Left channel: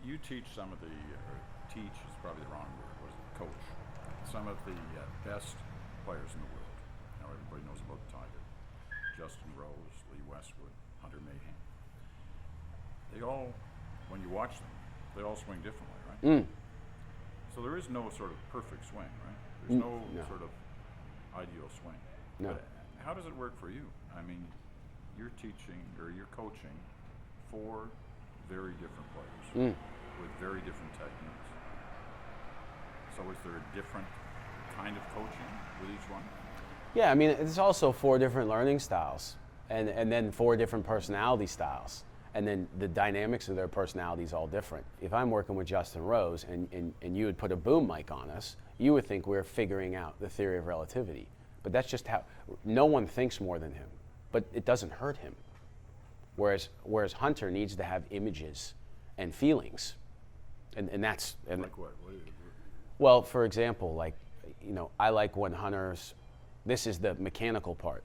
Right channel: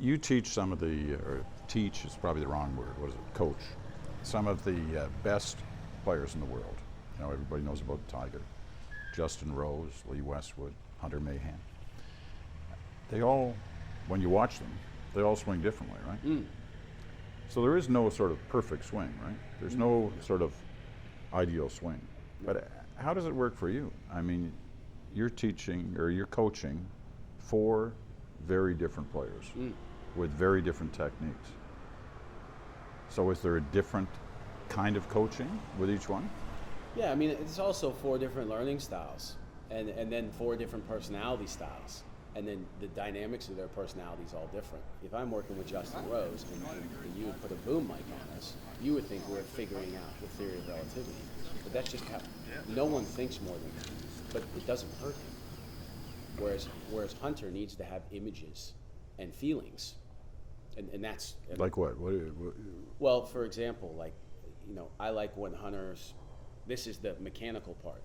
You teach some of the, or teach is probably the wrong word, what is it, coach, some of the best players in the world. You know, everybody knows about Tiger. Justin Rose, Lee Westwood, Hunter Mahan. They all, when you watch them, they all swing differently, right? So there is no sort of perfect swing, right? There's no sort of ideal swing. No. But how does it work for you? I mean, you're teaching or you're coaching 4 very different players with very different techniques. So is there a different kind of coaching with each one? Yeah, I mean, it's also 4 different learning styles, and then 4 different personality styles. And then the dynamics of their personalities all different. If I'm working with Justin Rose and you would put a boom mic on us, you would think we're figuring out the theory of relativity. But that's just how, no one thinks more than him, but it doesn't hurt him. Whereas Hunter needs to have images and feelings. And that's... And like what? well, for example, like, you know, I like when Hunter's, this is the mechanical part.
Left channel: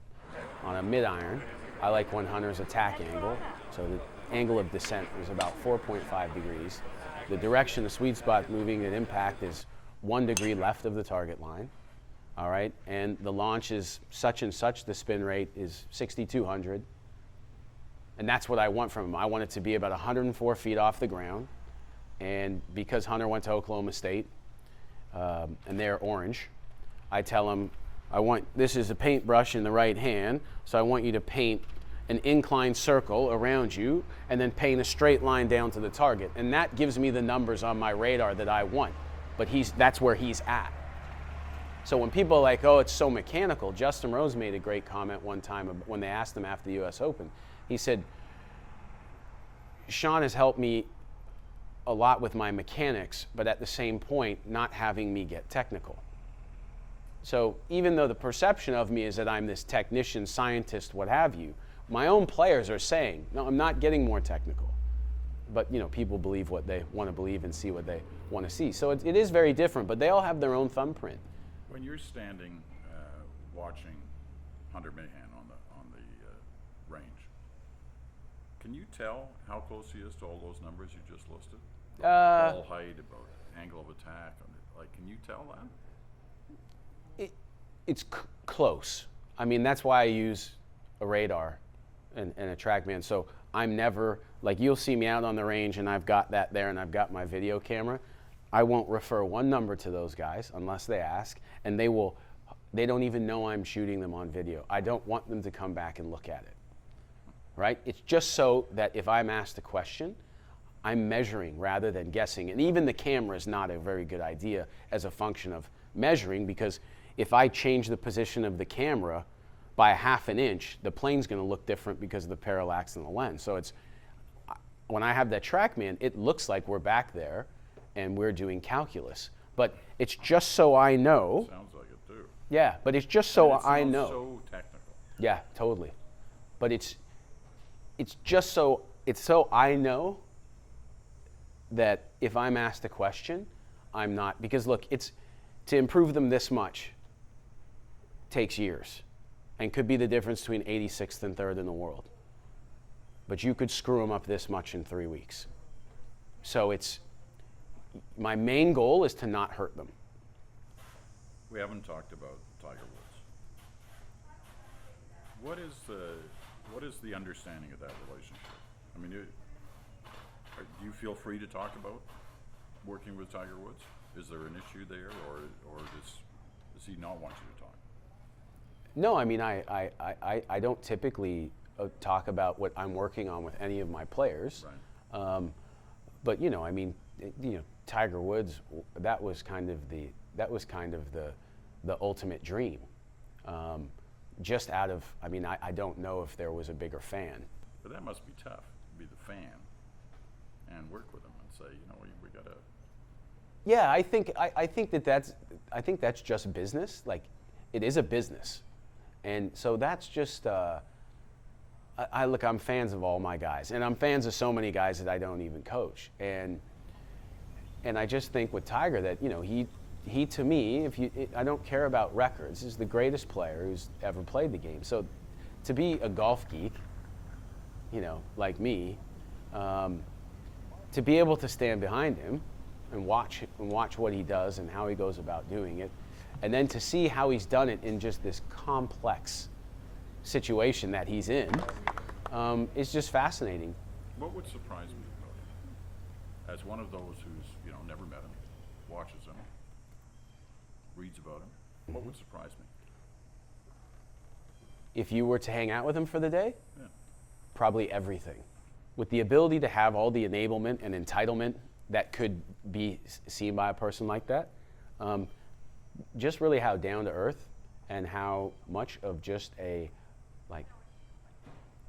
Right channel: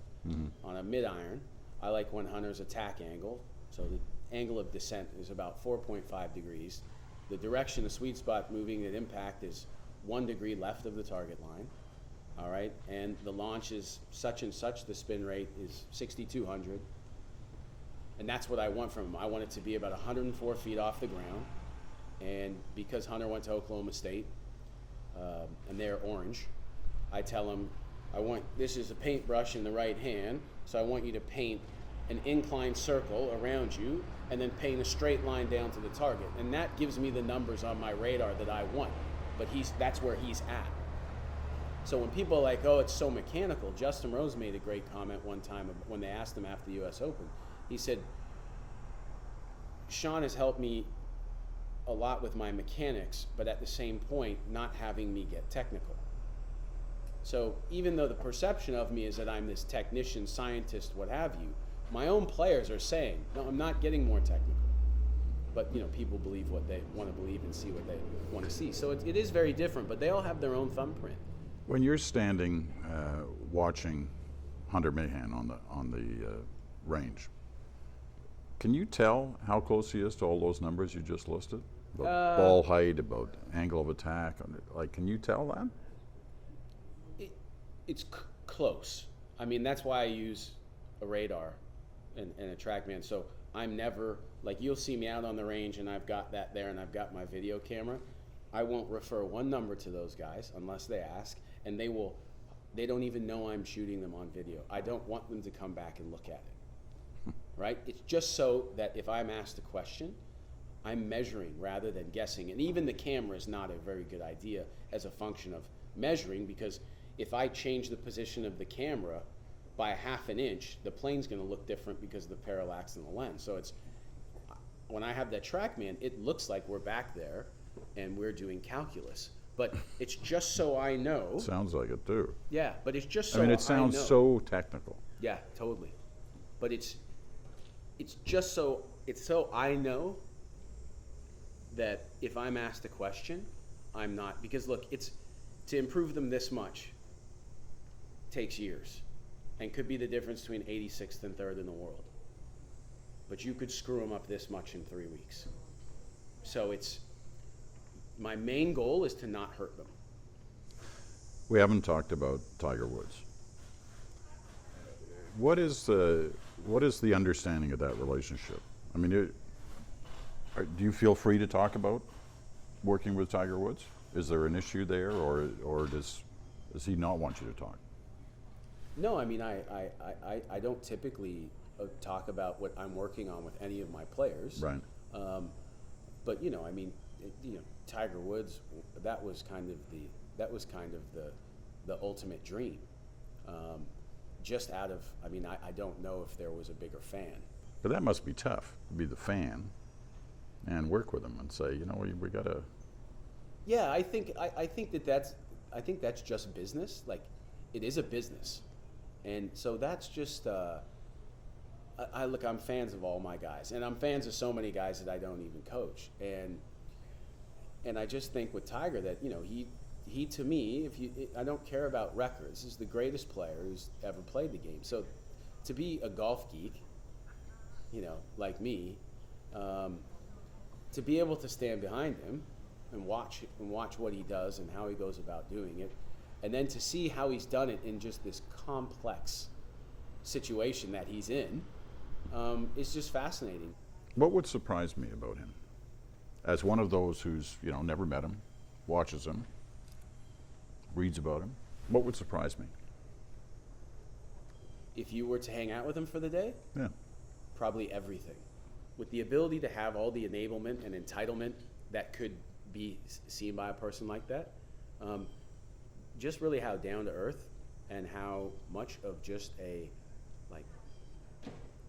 On a mid-iron, I like when Hunter's attack angle, so the angle of descent is about 4.5 degrees. The direction, the sweet spot moving at impact is 1 degree left of the target line, all right? And the launch is such and such, the spin rate is 6,200. And that's what I want from him. I want it to be about 104 feet off the ground. And because Hunter went to Oklahoma State, and they're orange, I tell him, this is a paintbrush in the right hand, so I want you to paint an inclined circle around you and then paint a straight line down to the target. And that gives me the numbers on my radar that I want. But that's where he's at. So when people are like, oh, it's so mechanical, Justin Rose made a great comment one time when they asked him after the US Open. He said, Sean has helped me a lot with my mechanics, but at the same point, not having me get technical. So even though the perception of me is that I'm this technician, scientist, what have you, my own players are saying, no, I'm not getting more technical. But you know, people believe what they want to believe and see what they want to see. So it is very different, but they all have their own thumbprint. When you're standing watching Hunter Mahan on the range, can you tell how close he is to all those numbers you just listed? About ball height, about angle of attack, like, can you tell that? It's close. I mean, that's why I use a radar and a TrackMan. So I'm never, like, you'll see me out on the range and I've got that there and I've got my video camera. I won't refer one number to those guys unless they ask, and they don't even know I'm shooting them on video. I don't want them to come back and look at it, right? It's just so that if I'm asked a question, I'm measuring rather than guessing. And even the camera is not a very good idea as a function of measuring, because if I change the position of the camera by 1/2 inch, the plane's going to look different because of the parallax in the lens. So it's, when I have that TrackMan, it looks like we're back there and we're doing calculus. But it's just so I know. Sounds like it too. Yeah, but it's just so I know. It sounds so technical. Yeah, totally. But it's just so I know that if I'm asked a question, I'm not, because look, it's to improve them this much takes years and could be the difference between 86th and 3rd in the world. But you could screw them up this much in 3 weeks. So my main goal is to not hurt them. We haven't talked about Tiger Woods. What is the understanding of that relationship? I mean, do you feel free to talk about working with Tiger Woods? Is there an issue there, or does he not want you to talk? No, I mean, I don't typically talk about what I'm working on with any of my players. Right. But you know, I mean, Tiger Woods, that was kind of the ultimate dream. Just out of, I mean, I don't know if there was a bigger fan. But that must be tough, to be the fan and work with them and say, you know, we gotta. Yeah, I think that's just business. Like, it is a business, and so that's just. I'm fans of all my guys, and I'm fans of so many guys that I don't even coach, and I just think with Tiger that, you know, he to me, I don't care about records. He's the greatest player who's ever played the game. So, to be a golf geek, you know, like me, to be able to stand behind him and watch what he does and how he goes about doing it, and then to see how he's done it in just this complex situation that he's in, is just fascinating. What would surprise me about him, as one of those who's never met him, watches him, reads about him, what would surprise me? If you were to hang out with him for the day, Yeah. probably everything. With the ability to have all the enablement and entitlement that could be seen by a person like that, just really how down to earth and how much of just a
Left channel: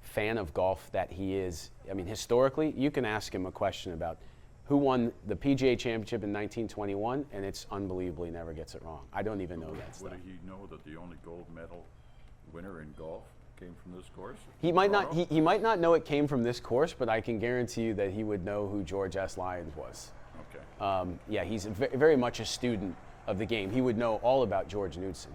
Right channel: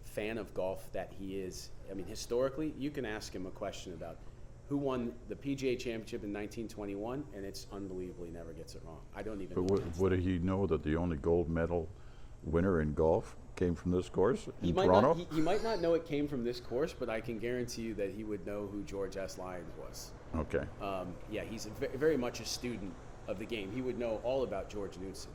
fan of golf that he is. I mean, historically, you can ask him a question about who won the PGA Championship in 1921, and it's unbelievably never gets it wrong. I don't even know. Would he know that the only gold medal winner in golf came from this course? He might not. He might not know it came from this course, but I can guarantee you that he would know who George S. Lyons was. Okay. Yeah, he's very much a student of the game. He would know all about George Knudson.